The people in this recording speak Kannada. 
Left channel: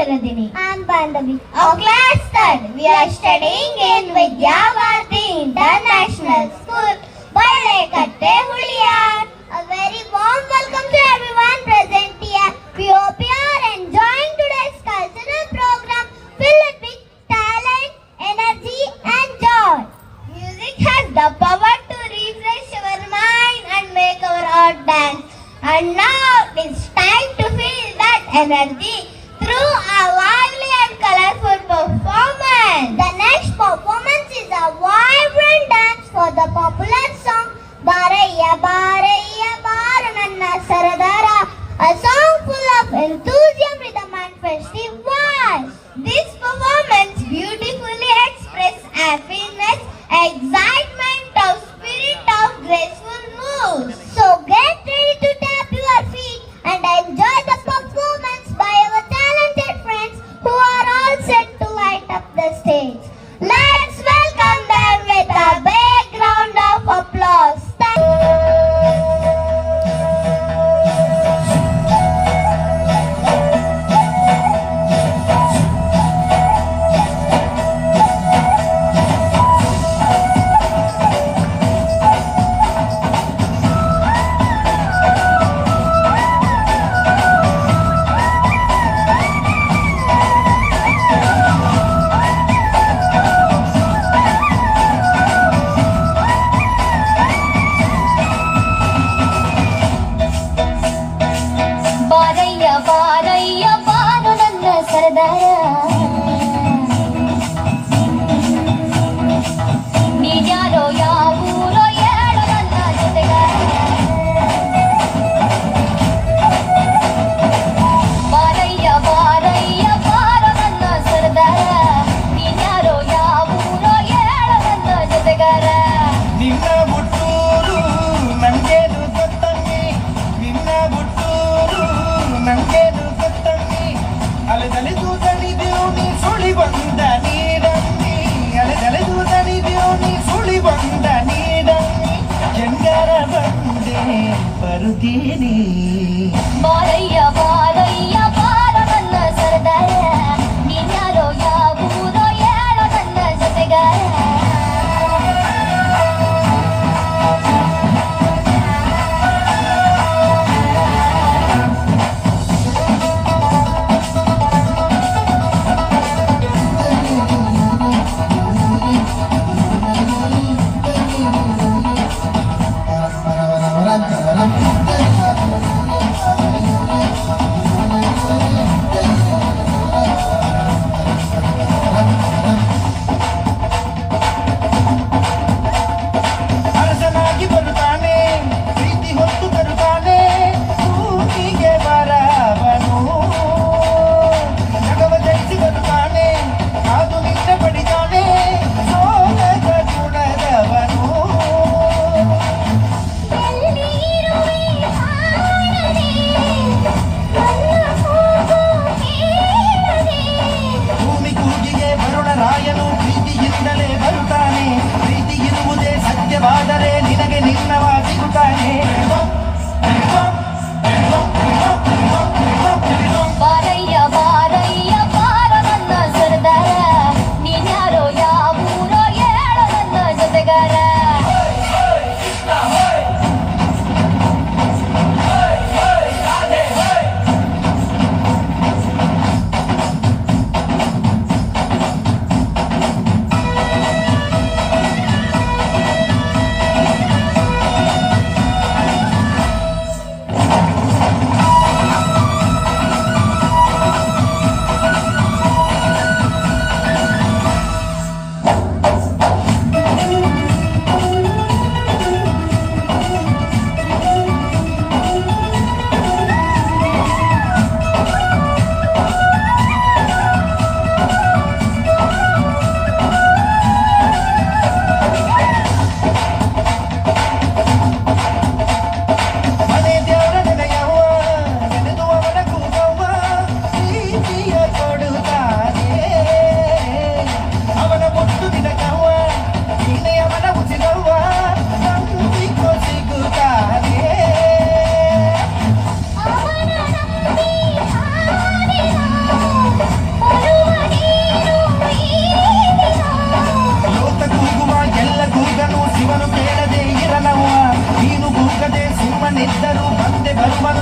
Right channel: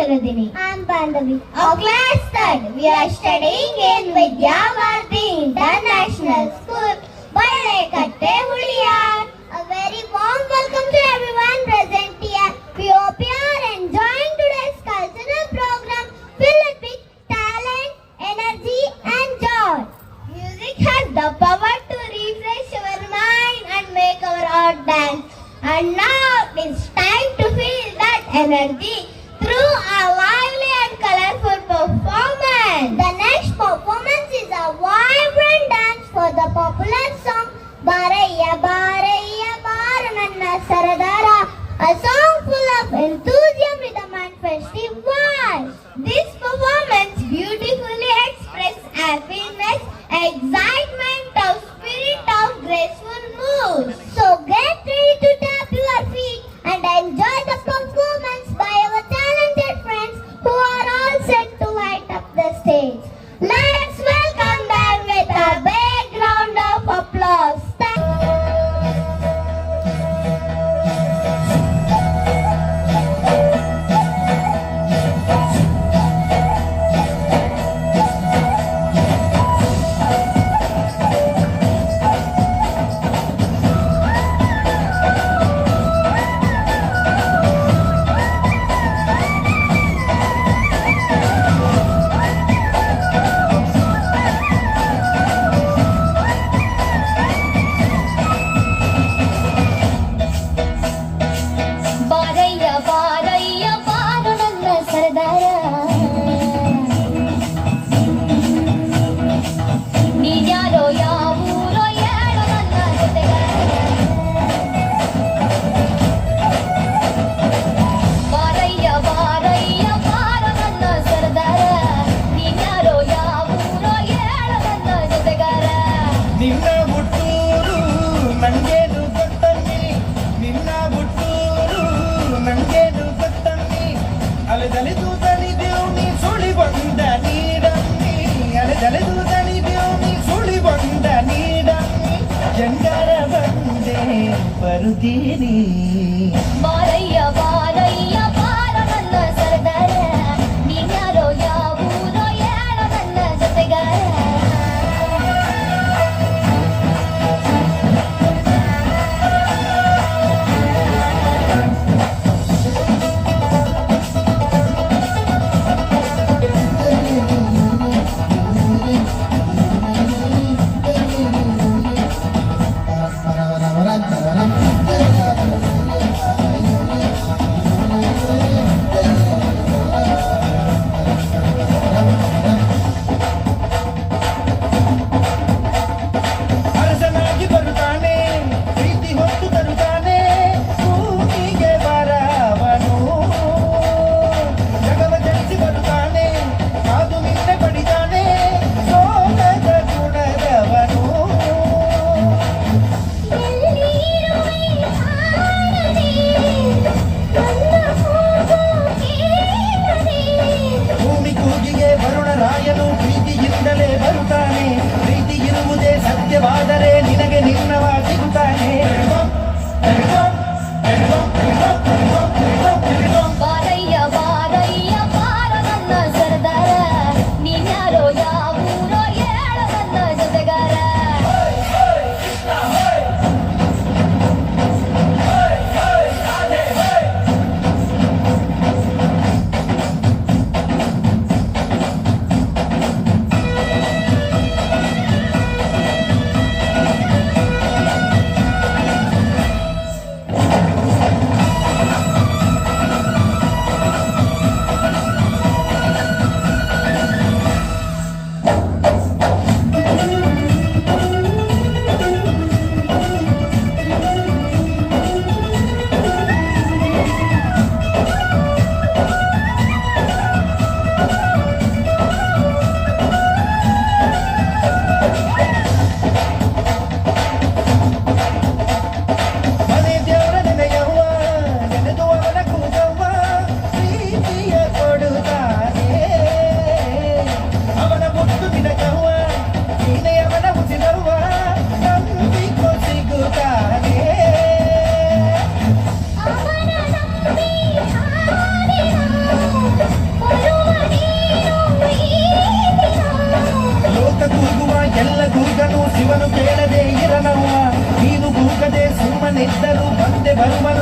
Chaladini. I am Bandhavi. Of class third, we are studying in Vidyabharati International School, Balekatte Huliyar. A very warm welcome to everyone present here. We hope you are enjoying today's cultural program filled with talent, energy and joy. Music has the power to refresh our mind and make our heart dance. And now it's time to feel that energy through a lively and colorful performance. The next performance is a vibrant dance for the popular song Baraya Baraya Barananna Saradara, a song full of enthusiasm, rhythm and festive. This performance beautifully expresses happiness, excitement of spirit of graceful mood. So get ready to tap your feet and enjoy the performance by our talented friends who are all set to light up the stage. Let's welcome them with a big round of applause. ಬಾರಯ್ಯ ಬಾರಯ್ಯ ಬಾರು ನನ್ನ ಸರದಾರ ನೀನ್ಯಾರೋ ಯಾವೂರೋ ಹೇಳು ನನ್ನ ಜೊತೆಗಾರ ಬಾರಯ್ಯ ಬಾರಯ್ಯ ಬಾರು ನನ್ನ ಸರದಾರ ನೀನ್ಯಾರೋ ಯಾವೂರೋ ಹೇಳು ನನ್ನ ಜೊತೆಗಾರ ನಿನ್ನ ಹುಟ್ಟೂರು ನಂಗೇನು ಗೊತ್ತನ್ನಿ ನಿನ್ನ ಹುಟ್ಟೂರು ನಂಗೇನು ಗೊತ್ತನ್ನಿ ಅಲೆದಲೆದು ತಣಿದೆವು ನೀ ಸುಳಿ ಬಂದ ನೀಡನ್ನಿ ಅಲೆದಲೆದು ತಣಿದೆವು ನೀ ಸುಳಿ ಬಂದ ನೀಡನ್ನಿ ಜಂಗರ ಬಂದೆ ಬರುತ್ತೀನಿ ಬಾರಯ್ಯ ಬಾರಯ್ಯ ಬಾರು ನನ್ನ ಸರದಾರ ನೀನ್ಯಾರೋ ಯಾವೂರೋ ಹೇಳು ನನ್ನ ಜೊತೆಗಾರ ಎಲ್ಲಿದ್ದರೂ ಬಂದೆ ಬರುವನು